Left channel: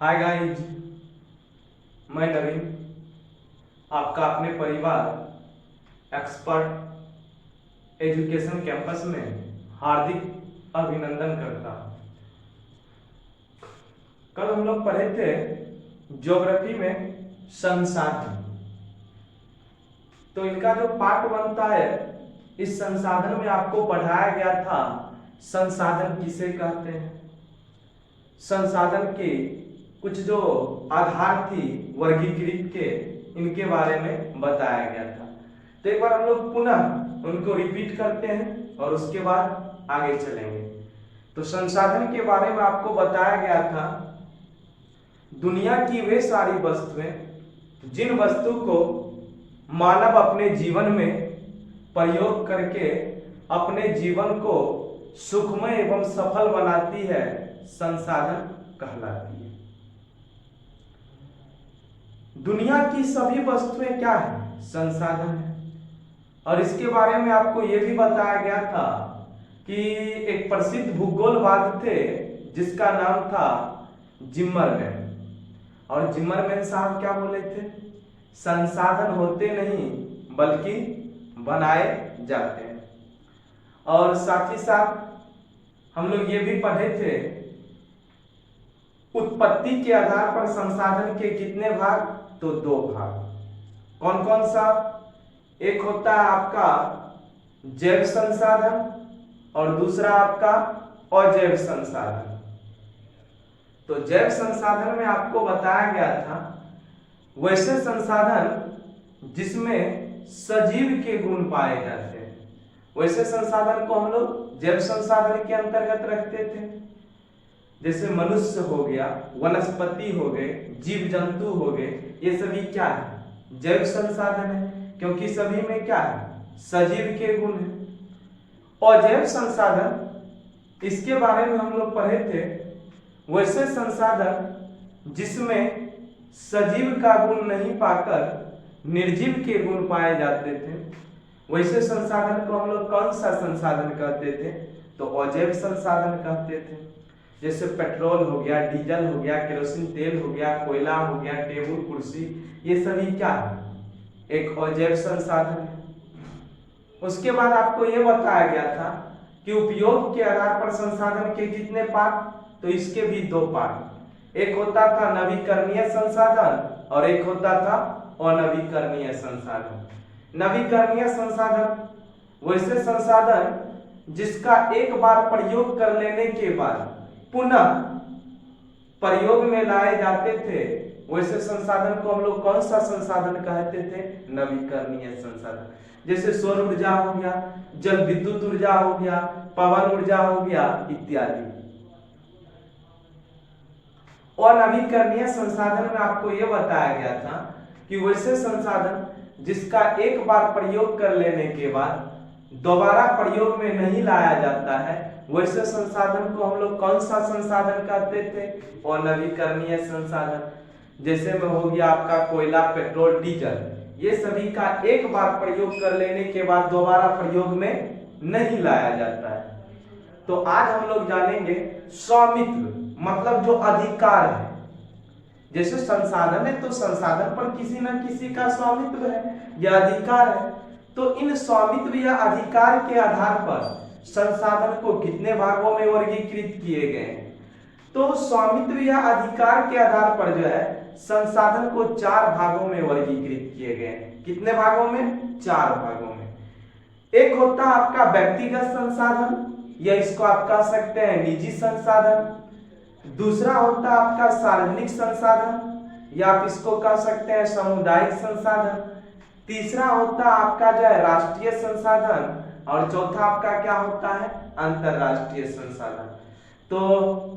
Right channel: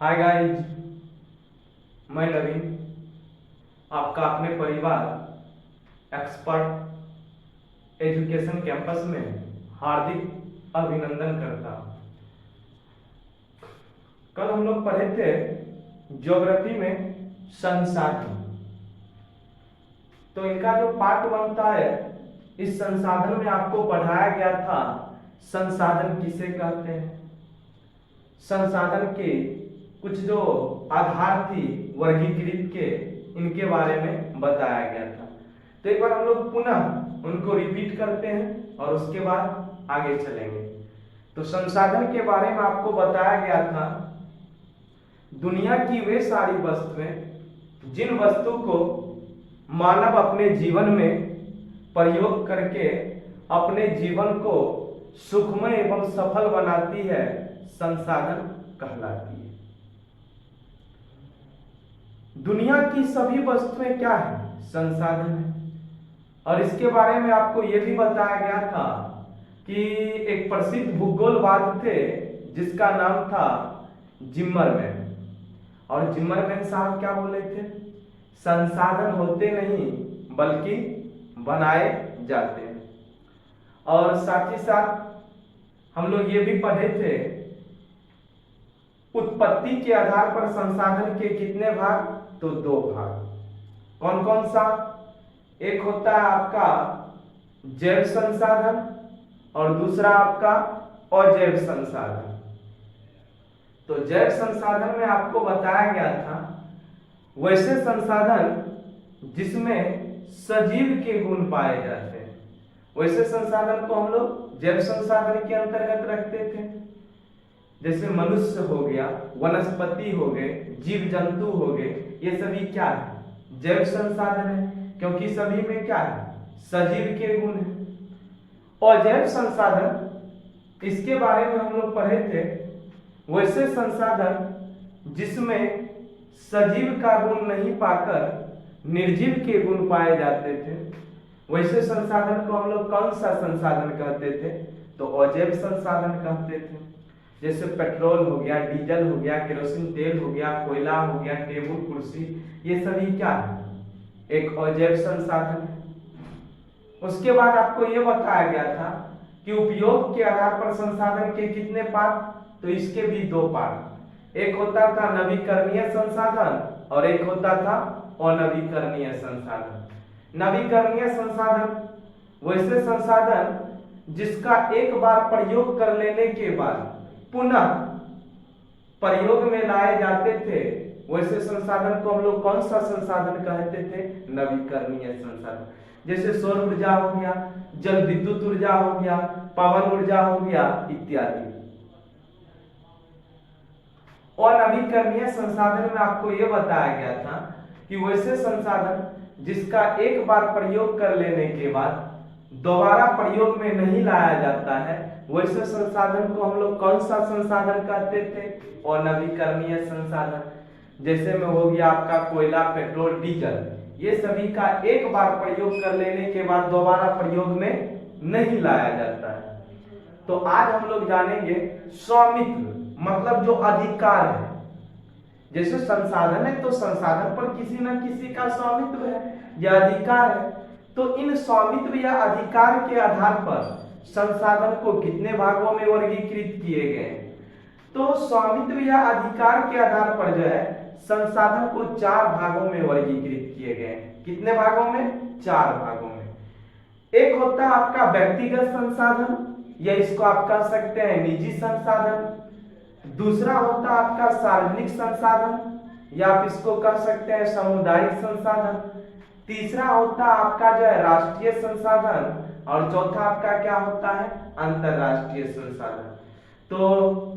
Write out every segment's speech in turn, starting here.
Hi guys, मैं नवीन आपका अपने परिवार एक्सपर्ट एजुकेशन कैंपस में हार्दिक अभिनंदन करता। कल हम लोग पढ़े थे ज्योग्राफी में संसाधन। तो इनका जो पार्ट बनता है, इस संसाधन में आपको पढ़ाया गया था संसाधन किसे कहते हैं, संसाधन के कुछ जो आधार थी वर्गीकृत के, इनके बारे में बताया गया था। तो एक बार हम लोग पुनः उनको रिपीट करते हैं और उसके बाद आगे चलेंगे। तो संसाधन के बारे में आपको बताया गया था, दुनिया की वे सारी वस्तुएं जिन वस्तु को मानव अपने जीवन में प्रयोग करके अपने जीवन को सुखमय एवं सफल बनाती है, संसाधन कहलाती है। दुनिया की सभी वस्तुएं क्या है? संसाधन है। और इसके बारे में आपको यह भी बताया गया था कि एक प्रसिद्ध भूगोलवाद थे जिसका नाम था जिम्मरमैन। और जिम्मरमैन साहब क्या बोले थे? संसाधन होते नहीं बल्कि बनाए जाते हैं। और साथ ही साथ हम लोग ये भी पढ़े थे, उत्पत्ति के आधार पर संसाधन के कितने भाग? तो 2 भाग। कौन कौन सा? एक होता है आपका जैव संसाधन और दूसरा आपका अजैव संसाधन। तो जैव संसाधन में आपको बताया गया था वैसे संसाधन जिसमें सजीव के गुण पाए जाते हैं, वैसे संसाधन को हम लोग जैव संसाधन के अंतर्गत रखते थे। जैसे मनुष्य हो गया, वनस्पति हो गए, जीव जंतु हो गए, ये सभी क्या है? जैव संसाधन है, क्योंकि सभी में क्या है? सजीव के गुण है। अजैव संसाधन, इसके बारे में हम लोग पढ़े थे, वैसे संसाधन जिसमें सजीव का गुण नहीं पाकर निर्जीव के गुण पाए जाते थे, वैसे संसाधन को हम लोग कौन सा संसाधन कहते थे? तो अजैव संसाधन कहते थे। जैसे पेट्रोल हो गया, डीजल हो गया, केरोसिन तेल हो गया, कोयला हो गया, टेबल कुर्सी, ये सभी क्या है? एक अजैव संसाधन है। उसके बाद आपको ये बताया गया था कि उपयोग के आधार पर संसाधन के कितने पार्ट? तो इसके भी 2 पार्ट। एक होता था नवीकरणीय संसाधन और एक होता था अनवीकरणीय संसाधन। नवीकरणीय संसाधन वैसे संसाधन जिसका एक बार प्रयोग कर लेने के बाद पुनः प्रयोग में लाए जाते थे, वैसे संसाधन को हम लोग कौन सा संसाधन कहते थे? नवीकरणीय संसाधन। जैसे सौर ऊर्जा हो गया, जल विद्युत ऊर्जा हो गया, पवन ऊर्जा हो गया इत्यादि। और नवीकरणीय संसाधन में आपको यह बताया गया था कि वैसे संसाधन जिसका एक बार प्रयोग कर लेने के बाद दोबारा प्रयोग में नहीं लाया जाता है, वैसे संसाधन को हम लोग कौन सा संसाधन कहते थे? और नवीकरणीय संसाधन। जैसे में हो गया आपका कोयला, पेट्रोल, डीजल, ये सभी का एक बार प्रयोग कर लेने के बाद दोबारा प्रयोग में नहीं लाया जाता है। तो आज हम लोग जानेंगे स्वामित्व, मतलब जो अधिकार है। जैसे संसाधन है तो संसाधन पर किसी न किसी का स्वामित्व है या अधिकार है। तो इन स्वामित्व या अधिकार के आधार पर संसाधन को कितने भागों में वर्गीकृत किए गए हैं? तो स्वामित्व या अधिकार के आधार पर जो है संसाधन को 4 भागों में वर्गीकृत किए गए हैं। कितने भागों में? 4 भागों में। एक होता है आपका व्यक्तिगत संसाधन, या इसको आप कह सकते हैं निजी संसाधन। दूसरा होता है आपका सार्वजनिक संसाधन, या आप इसको कह सकते हैं सामुदायिक संसाधन। तीसरा होता है आपका जो है राष्ट्रीय संसाधन, और चौथा आपका क्या होता है? अंतरराष्ट्रीय संसाधन। तो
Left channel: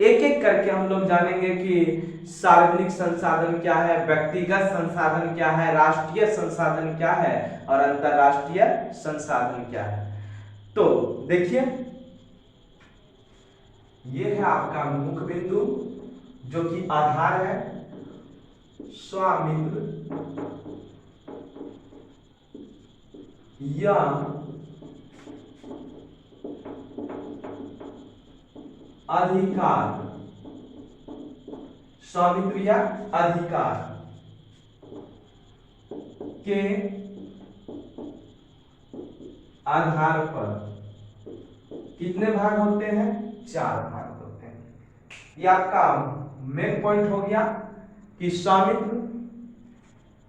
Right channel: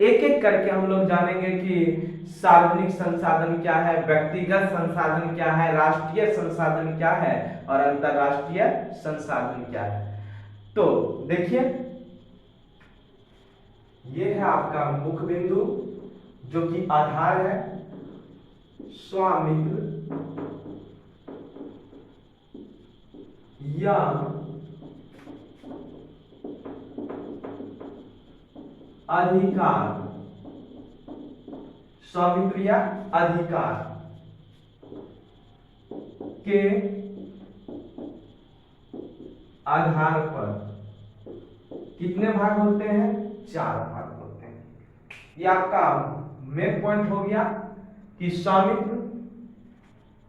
एक एक करके हम लोग जानेंगे कि सार्वजनिक संसाधन क्या है, व्यक्तिगत संसाधन क्या है, राष्ट्रीय संसाधन क्या है और अंतरराष्ट्रीय संसाधन क्या है। तो देखिए, ये है आपका मुख्य बिंदु जो कि आधार है, स्वामित्व या अधिकार। स्वामित्व या अधिकार के आधार पर कितने भाग होते हैं? 4 भाग होते हैं। ये आपका मेन पॉइंट हो गया कि स्वामित्व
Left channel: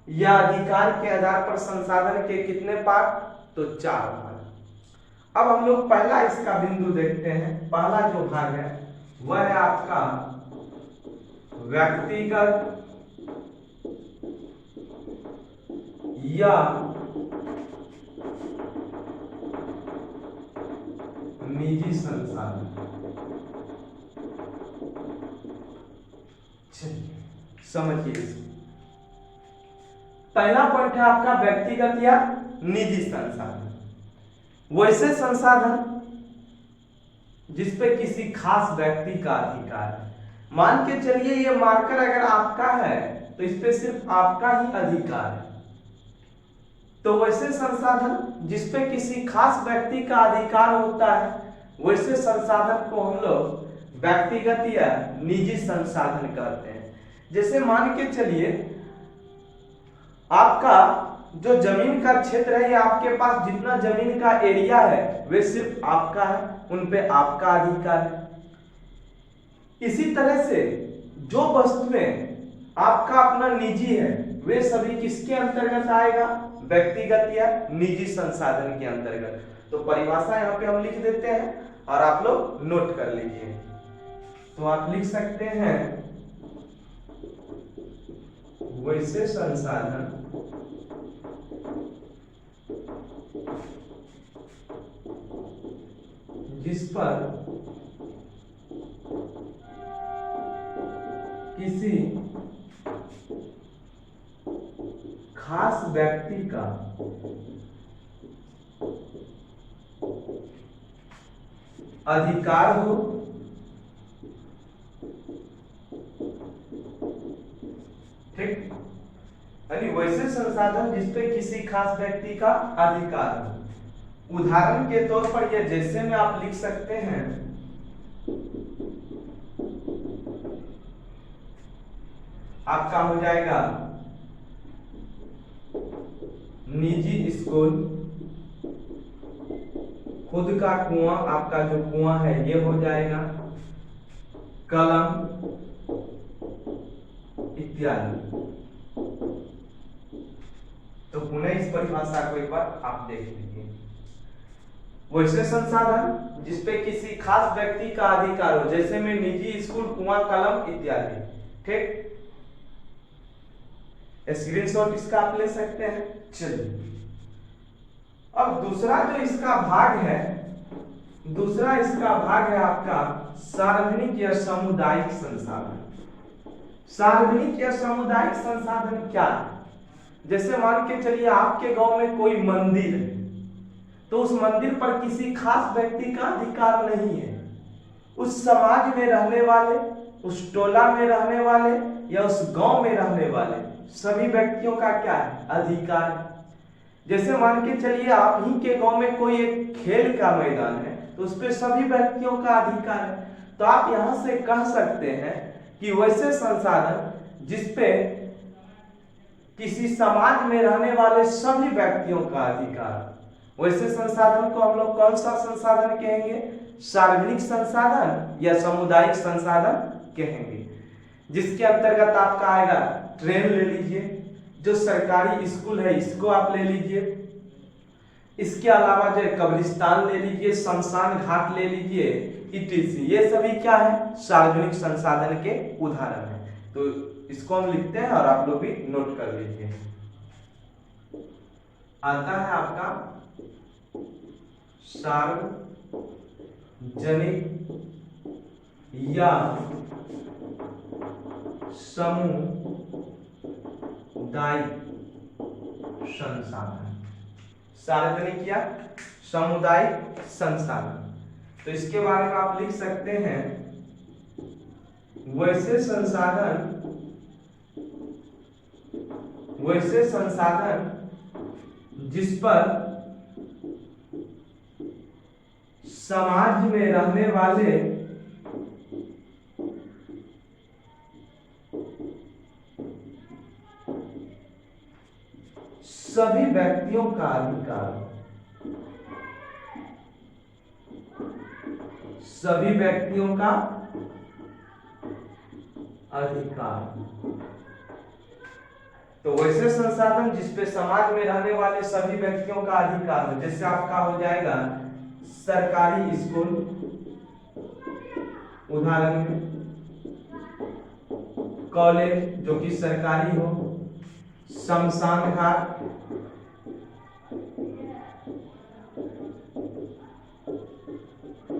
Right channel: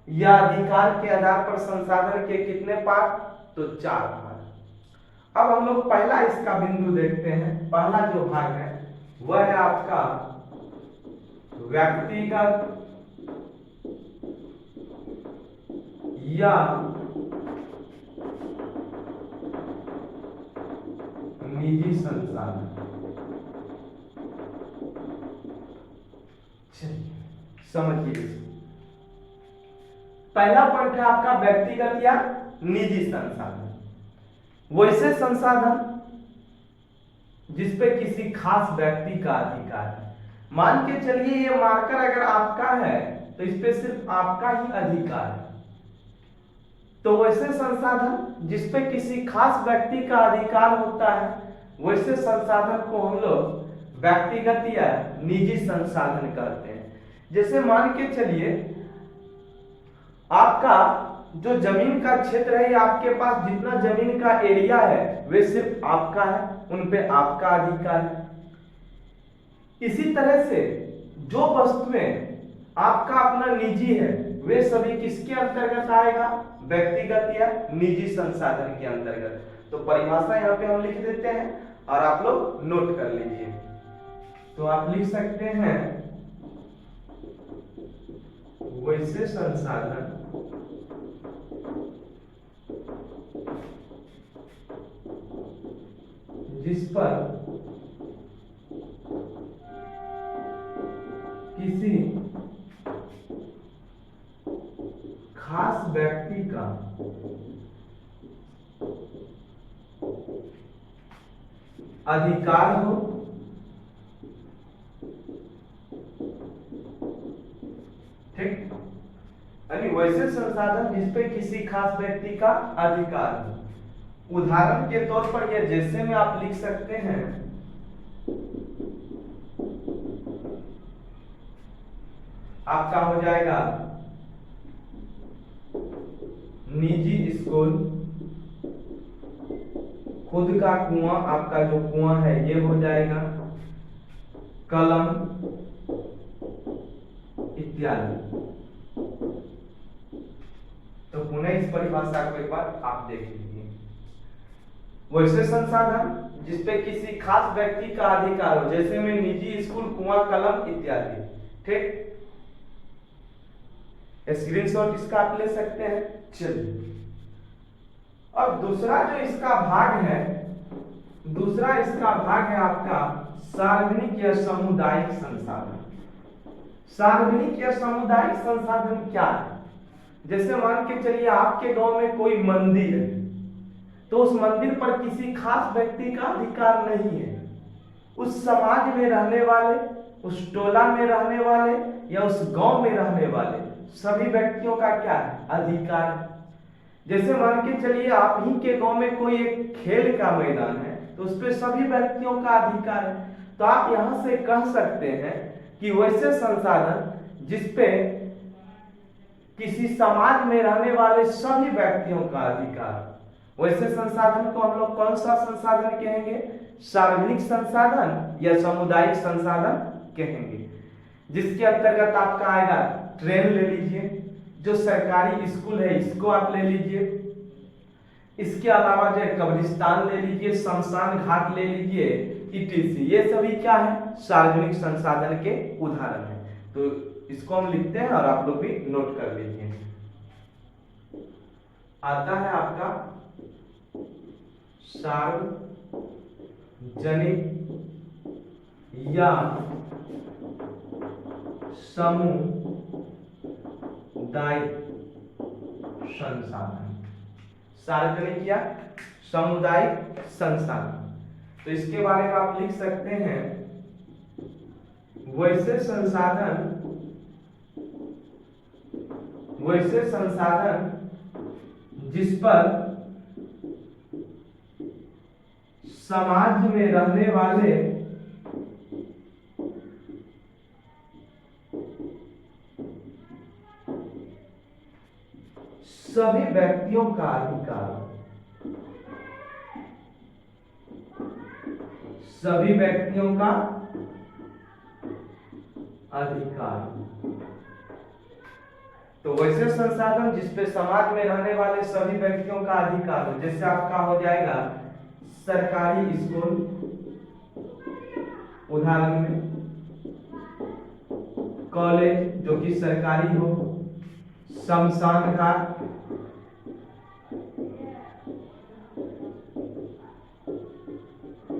या अधिकार के आधार पर संसाधन के कितने भाग? तो 4 भाग। अब हम लोग पहला इसका बिंदु देखते हैं। पहला जो भाग है वह है आपका व्यक्तिगत या निजी संसाधन। समझिए इसको। पहला पॉइंट है आपका व्यक्तिगत या निजी संसाधन। वैसे संसाधन जिस पे किसी खास व्यक्ति का अधिकार है। मान के चलिए ये मार्कर अगर आपका है तो इस पे सिर्फ आपका ही अधिकार है। तो वैसे संसाधन जिस पे किसी खास व्यक्ति का अधिकार होता है, वैसे संसाधन को हम लोग व्यक्तिगत या निजी संसाधन कहते हैं। जैसे मान के चलिए आपका जो जमीन का क्षेत्र है या आपके पास जितना जमीन का एरिया है वे सिर्फ आपका है, उन पे आपका अधिकार है। इसी तरह से जो वस्तुएं आपका अपना निजी है वे सभी किसके अंतर्गत आएगा? व्यक्तिगत या निजी संसाधन के अंतर्गत। तो परिभाषा यहाँ पे हम लिख देते हैं और आप लोग नोट कर लीजिए। तो आप लिख सकते हैं वैसे संसाधन जिस पर किसी खास व्यक्ति का अधिकार हो, ठीक। यानी वैसे संसाधन जिस पे किसी खास व्यक्ति का अधिकार हो। उदाहरण के तौर पर ये जैसे में आप लिख सकते हैं आपका हो जाएगा निजी स्कूल, खुद का कुआं, आपका जो कुआं है ये हो जाएगा, कलम इत्यादि। तो पुनः इस परिभाषा को एक बार आप देख लीजिए। वैसे संसाधन जिसपे किसी खास व्यक्ति का अधिकार हो, जैसे में निजी स्कूल, कुआं, कलम इत्यादि, ठीक। स्क्रीनशॉट इसका आप ले सकते हैं। चलिए, और दूसरा जो इसका भाग है, दूसरा इसका भाग है आपका सार्वजनिक या सामुदायिक संसाधन। सार्वजनिक या सामुदायिक संसाधन क्या है? जैसे मान के चलिए आपके गांव में कोई मंदिर है, तो उस मंदिर पर किसी खास व्यक्ति का अधिकार नहीं है। उस समाज में रहने वाले, उस टोला में रहने वाले या उस गांव में रहने वाले सभी व्यक्तियों का क्या है? अधिकार है। जैसे मान के चलिए आप ही के गांव में कोई एक खेल का मैदान है, तो उस पे सभी व्यक्तियों का अधिकार है। तो आप यहां से कह सकते हैं कि वैसे संसाधन जिसपे किसी समाज में रहने वाले सभी व्यक्तियों का अधिकार, वैसे संसाधन को हम लोग कौन सा संसाधन कहेंगे? सार्वजनिक संसाधन या सामुदायिक संसाधन कहेंगे। जिसके अंतर्गत आपका आएगा ट्रेन ले लीजिए, जो सरकारी स्कूल है इसको आप ले लीजिए, इसके अलावा जो कब्रिस्तान ले लीजिए, शमशान घाट ले लीजिए, इटीसी। ये सभी क्या है? सार्वजनिक संसाधन के उदाहरण है। तो इसको हम लिखते हैं और आप लोग भी नोट कर लीजिए। आता है आपका सार्वजनिक या सामुदायिक संसाधन। सार्वजनिक या सामुदायिक संसाधन, तो इसके बारे में आप लिख सकते हैं वैसे संसाधन जिस पर समाज में रहने वाले सभी व्यक्तियों का अधिकार, सभी व्यक्तियों का अधिकार। तो वैसे संसाधन जिसपे समाज में रहने वाले सभी व्यक्तियों का अधिकार हो, जैसे आपका हो जाएगा सरकारी स्कूल, उदाहरण में कॉलेज जो कि सरकारी हो, शमशान घाट,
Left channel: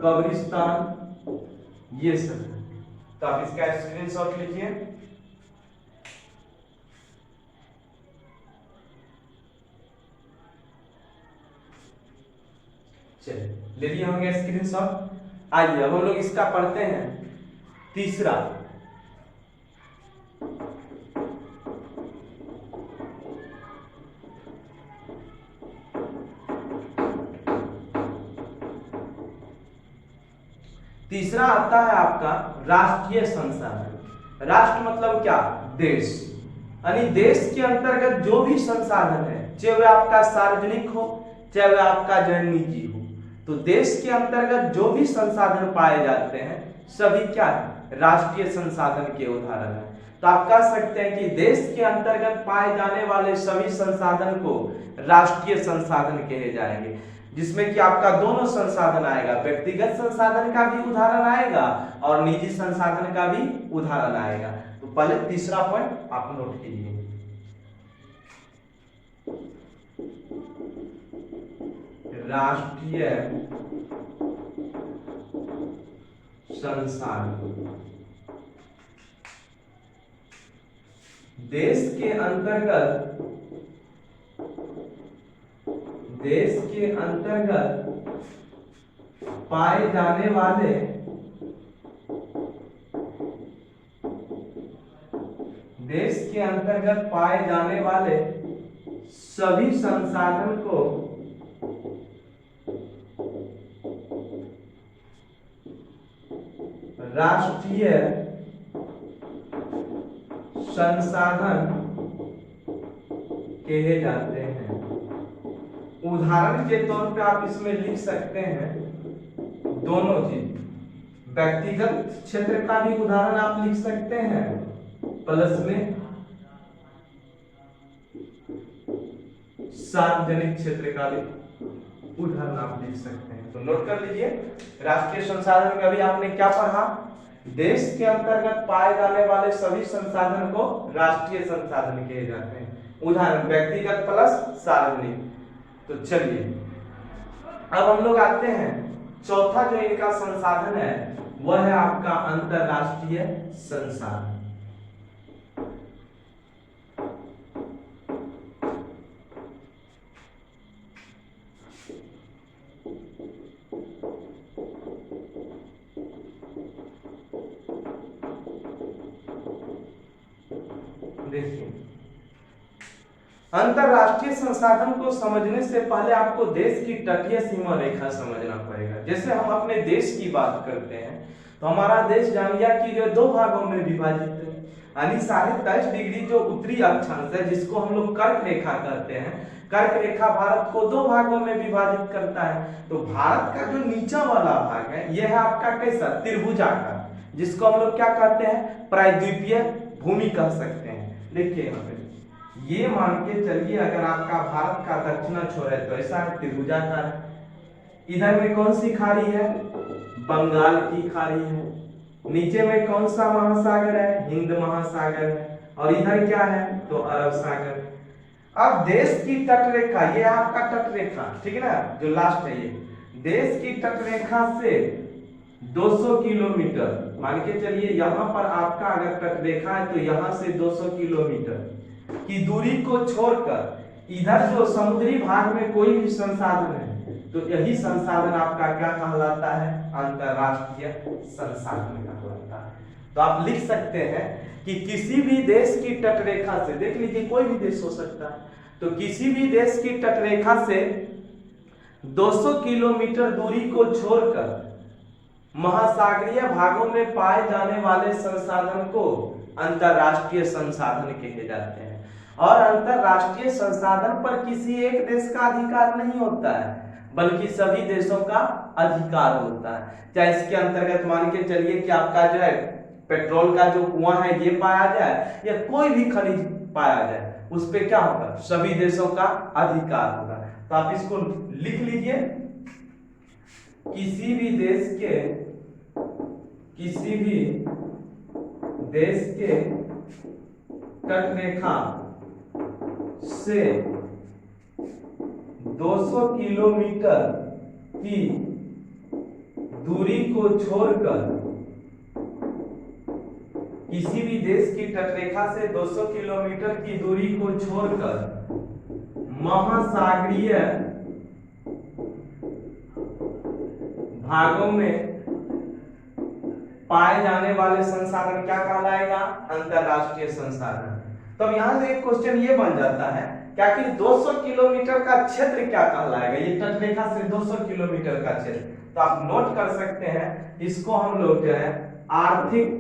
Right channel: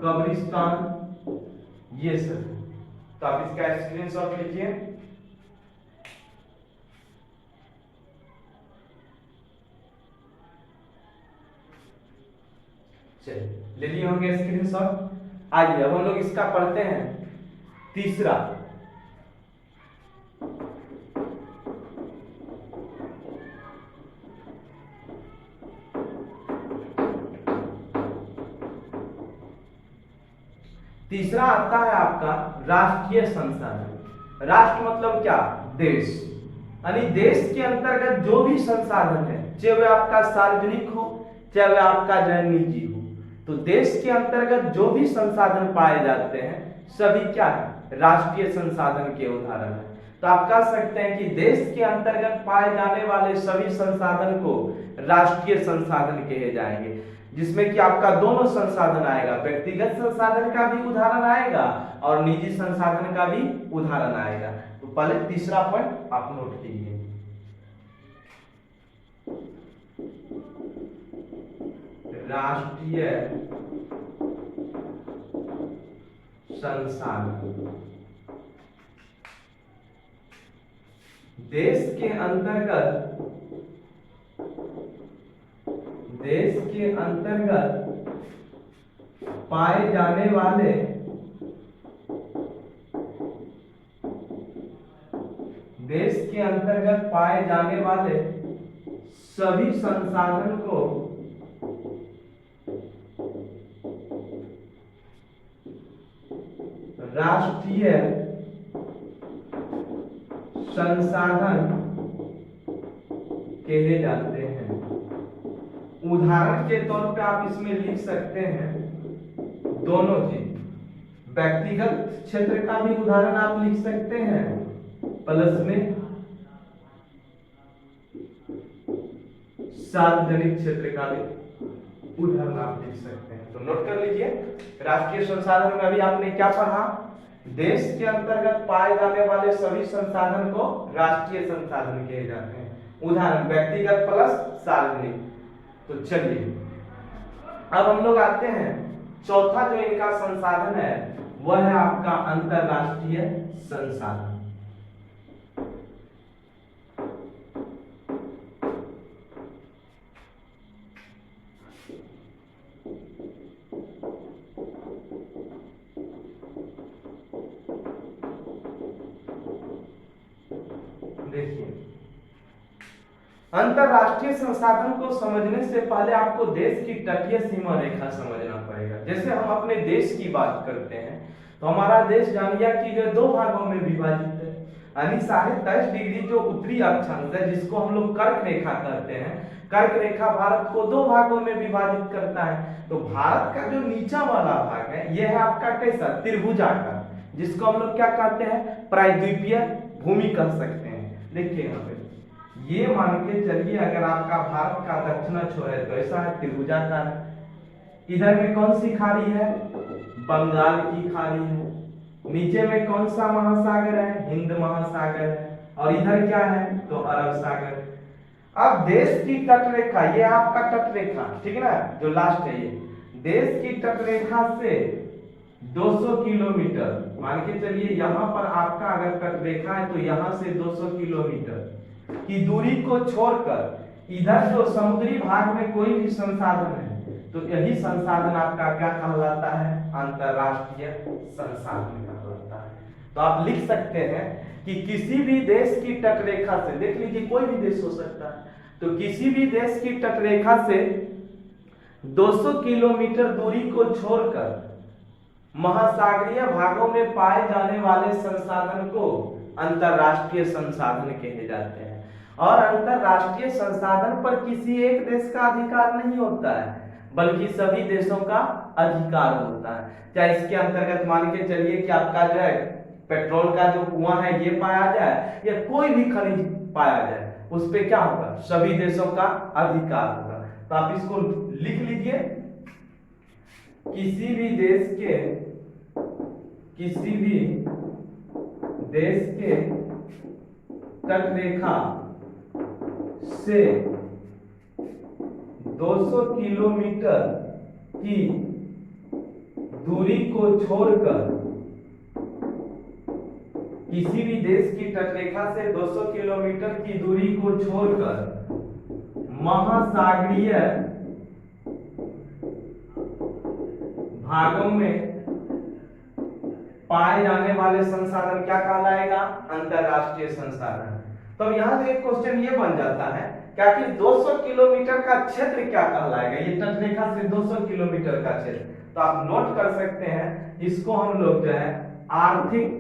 कब्रिस्तान, ये सब। तो आप इसका स्क्रीनशॉट लीजिए। चलिए ले लिए होंगे स्क्रीनशॉट। आइए अब हम लोग इसका पढ़ते हैं तीसरा। तीसरा आता है आपका राष्ट्रीय संसाधन। राष्ट्र मतलब क्या? देश। यानी देश के अंतर्गत जो भी संसाधन है, चाहे वह आपका सार्वजनिक हो चाहे वह आपका जो है निजी हो, तो देश के अंतर्गत जो भी संसाधन पाए जाते हैं सभी क्या है? राष्ट्रीय संसाधन के उदाहरण है। तो आप कह सकते हैं कि देश के अंतर्गत पाए जाने वाले सभी संसाधन को राष्ट्रीय संसाधन कहे जाएंगे, जिसमें कि आपका दोनों संसाधन आएगा, व्यक्तिगत संसाधन का भी उदाहरण आएगा और निजी संसाधन का भी उदाहरण आएगा। तो पहले तीसरा पॉइंट आप नोट कीजिए। राष्ट्रीय संसाधन देश के अंतर्गत पाए जाने वाले सभी संसाधन को राष्ट्रीय संसाधन कहे जाते हैं। उदाहरण के तौर पे आप इसमें लिख सकते हैं दोनों चीज, व्यक्तिगत क्षेत्र का भी उदाहरण आप लिख सकते हैं, प्लस में सार्वजनिक क्षेत्र का भी उदाहरण आप लिख सकते हैं। तो नोट कर लीजिए, राष्ट्रीय संसाधन में अभी आपने क्या पढ़ा? देश के अंतर्गत पाए जाने वाले सभी संसाधन को राष्ट्रीय संसाधन कहे जाते हैं। उदाहरण व्यक्तिगत प्लस सार्वजनिक। तो चलिए अब हम लोग आते हैं, चौथा जो इनका संसाधन है वह है आपका अंतरराष्ट्रीय संसाधन। देखिए, अंतरराष्ट्रीय संसाधन को समझने से पहले आपको देश की तटीय सीमा रेखा समझना पड़ेगा। जैसे हम अपने देश की बात करते हैं तो हमारा देश जानिया कि जो दो भागों में विभाजित है, यानी 23.5 डिग्री जो उत्तरी अक्षांश है जिसको हम लोग कर्क रेखा कहते हैं, कर्क रेखा भारत को दो भागों में विभाजित करता है। तो भारत का जो नीचा वाला भाग है यह है आपका कैसा? त्रिभुजाकार, जिसको हम लोग क्या कहते हैं? प्रायद्वीपीय भूमि कह सकते हैं। देखिए यहाँ पे ये मान के चलिए, अगर आपका भारत का दक्षिण छोर है तो ऐसा है, त्रिभुजाकार है। इधर में कौन सी खाड़ी है? बंगाल की खाड़ी है। नीचे में कौन सा महासागर है? हिंद महासागर है। और इधर क्या है? तो अरब सागर। अब देश की तटरेखा, ये आपका तटरेखा, ठीक है ना, जो लास्ट है ये देश की तटरेखा से 200 किलोमीटर मान के चलिए, यहाँ पर आपका अगर तटरेखा है तो यहाँ से 200 किलोमीटर की दूरी को छोड़कर इधर जो समुद्री भाग में कोई भी संसाधन है तो यही संसाधन आपका क्या कहलाता है? अंतरराष्ट्रीय संसाधन कहलाता है। तो आप लिख सकते हैं कि किसी भी देश की तटरेखा से, देख लीजिए कोई भी देश हो सकता है, तो किसी भी देश की तटरेखा से 200 किलोमीटर दूरी को छोड़कर महासागरीय भागों में पाए जाने वाले संसाधन को अंतरराष्ट्रीय संसाधन कहे जाते हैं। और अंतरराष्ट्रीय संसाधन पर किसी एक देश का अधिकार नहीं होता है, बल्कि सभी देशों का अधिकार होता है। चाहे इसके अंतर्गत मान के चलिए कि आपका जो है पेट्रोल का जो कुआं है ये पाया जाए या कोई भी खनिज पाया जाए, उस पे क्या होगा, सभी देशों का अधिकार होगा। तो आप इसको लिख लीजिए, किसी भी देश के तटरेखा से 200 किलोमीटर की दूरी को छोड़कर, किसी भी देश की तटरेखा से 200 किलोमीटर की दूरी को छोड़कर महासागरीय भागों में पाए जाने वाले संसाधन क्या कहलाएगा, अंतरराष्ट्रीय संसाधन। तो अब यहां से एक क्वेश्चन ये बन जाता है क्या कि 200 किलोमीटर का क्षेत्र क्या कहलाएगा, ये तटरेखा से 200 किलोमीटर का क्षेत्र। तो आप नोट कर सकते हैं, इसको हम लोग जो है आर्थिक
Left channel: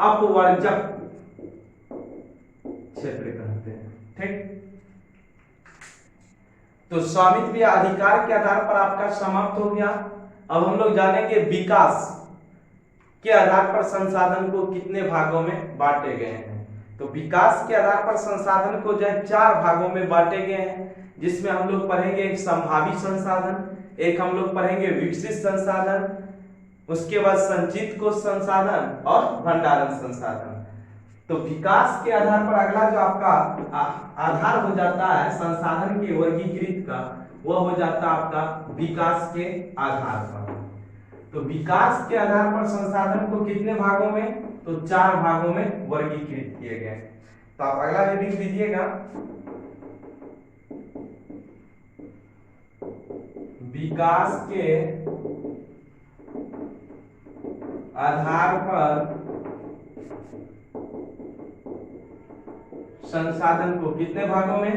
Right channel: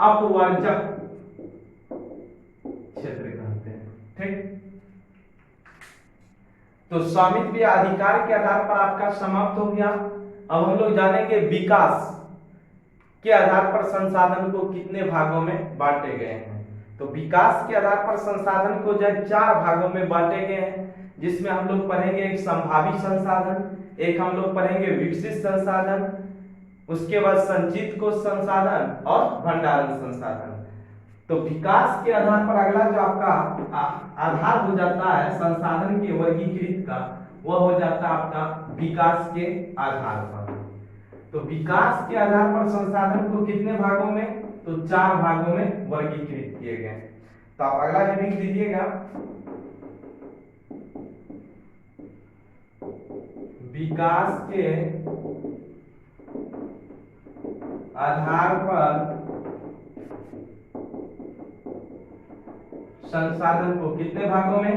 अपवर्जक क्षेत्र कहते हैं। ठीक, तो स्वामित्व या अधिकार के आधार पर आपका समाप्त हो गया। अब हम लोग जानेंगे विकास के आधार पर संसाधन को कितने भागों में बांटे गए हैं। तो विकास के आधार पर संसाधन को जो है 4 भागों में बांटे गए हैं, जिसमें हम लोग पढ़ेंगे एक संभावी संसाधन, एक हम लोग पढ़ेंगे विकसित संसाधन, उसके बाद संचित कोष संसाधन और भंडारण संसाधन। तो विकास के आधार पर अगला जो आपका आधार हो जाता है संसाधन के वर्गीकृत का, वह हो जाता है आपका विकास के आधार पर। तो विकास के आधार पर संसाधन को कितने भागों में, तो 4 भागों में वर्गीकृत किए गए। तो आप अगला जो लिख लीजिएगा, विकास के आधार पर संसाधन को कितने भागों में,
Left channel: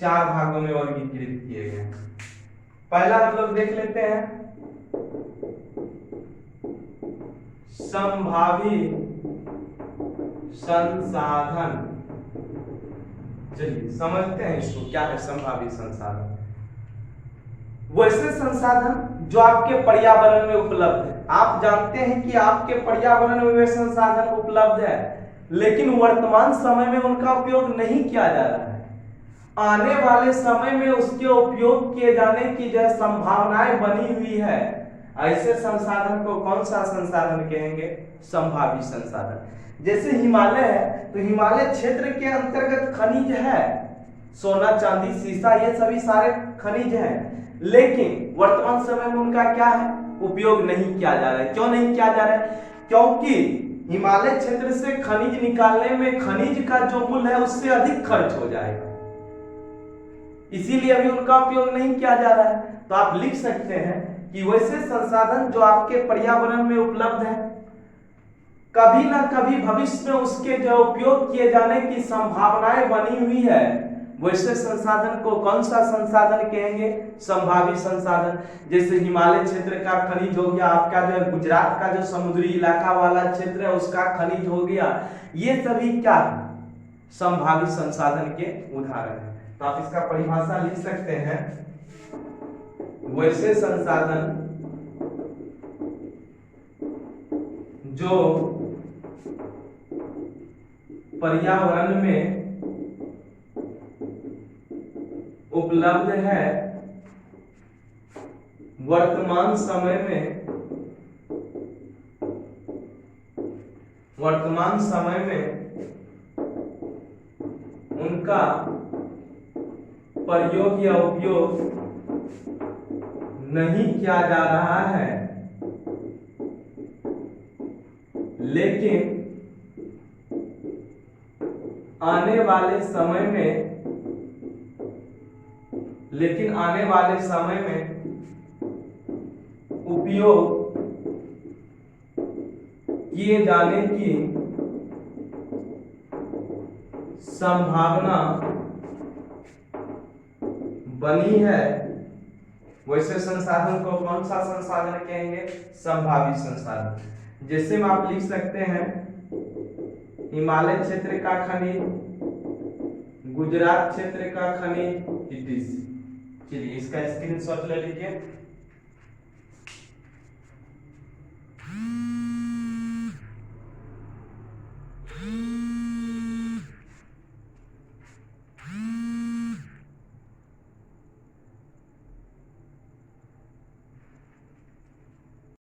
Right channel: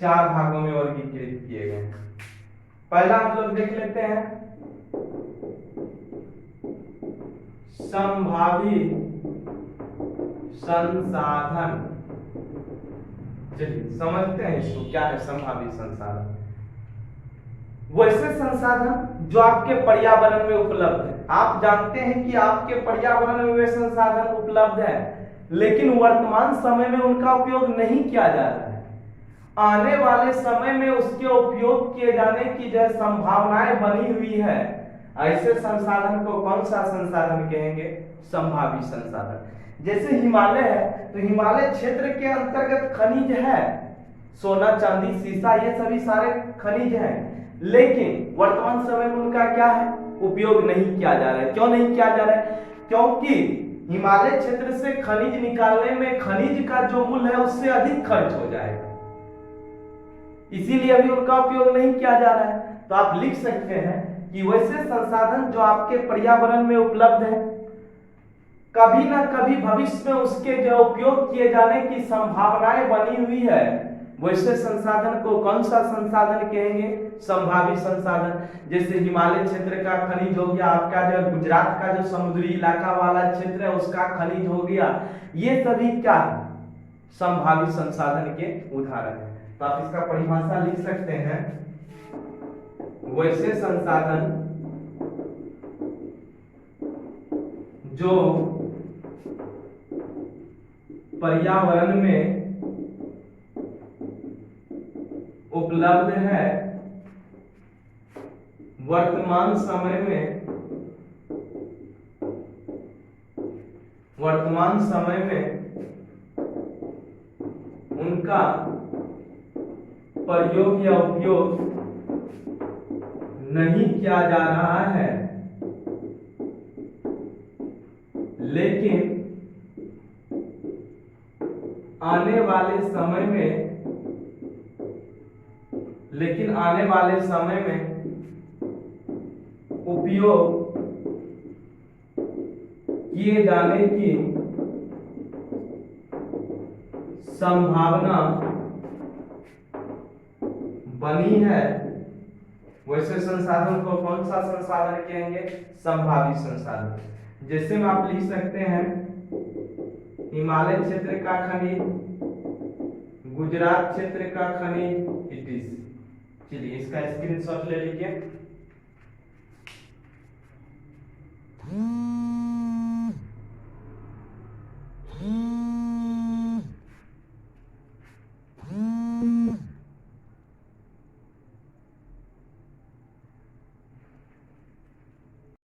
4 भागों में वर्गीकृत किए गए। पहला हम लोग देख लेते हैं संभावी संसाधन। चलिए समझते हैं इसको, क्या है संभावी संसाधन। वैसे संसाधन जो आपके पर्यावरण में उपलब्ध है। आप जानते हैं कि आपके पर्यावरण में वे संसाधन उपलब्ध है, लेकिन वर्तमान समय में उनका उपयोग नहीं किया जा रहा है। आने वाले समय में उसके उपयोग किए जाने की जो संभावनाएं बनी हुई है, ऐसे संसाधन को कौन सा संसाधन कहेंगे, संभावी संसाधन। जैसे हिमालय है, तो हिमालय क्षेत्र के अंतर्गत खनिज है, सोना चांदी सीसा ये सभी सारे खनिज हैं, लेकिन वर्तमान समय में उनका क्या है, उपयोग नहीं किया जा रहा है। क्यों नहीं किया जा रहा है, क्योंकि हिमालय क्षेत्र से खनिज निकालने में खनिज का जो मूल्य है उससे अधिक खर्च हो जाएगा, इसीलिए अभी उनका उपयोग नहीं किया जा रहा है। तो आप लिख सकते हैं कि वैसे संसाधन जो आपके पर्यावरण में उपलब्ध है, कभी ना कभी भविष्य में उसके जो उपयोग किए जाने की संभावनाएं बनी हुई है, वैसे संसाधन को कौन सा संसाधन कहेंगे, संभावी संसाधन। जैसे हिमालय क्षेत्र का खनिज हो गया, आपका जो गुजरात का जो समुद्री इलाका वाला क्षेत्र है उसका खनिज हो गया, ये सभी क्या है, संभावी संसाधन के उदाहरण है। तो आप इसका परिभाषा लिख सकते हैं, वैसे संसाधन जो पर्यावरण में उपलब्ध है, वर्तमान समय में उनका प्रयोग या उपयोग नहीं किया जा रहा है, लेकिन आने वाले समय में उपयोग किए जाने की संभावना बनी है, वैसे संसाधन को कौन सा संसाधन कहेंगे, संभावी संसाधन। जैसे में आप लिख सकते हैं हिमालय क्षेत्र का खनिज, गुजरात क्षेत्र का खनिज, इट इज। चलिए इसका स्क्रीनशॉट ले लीजिए।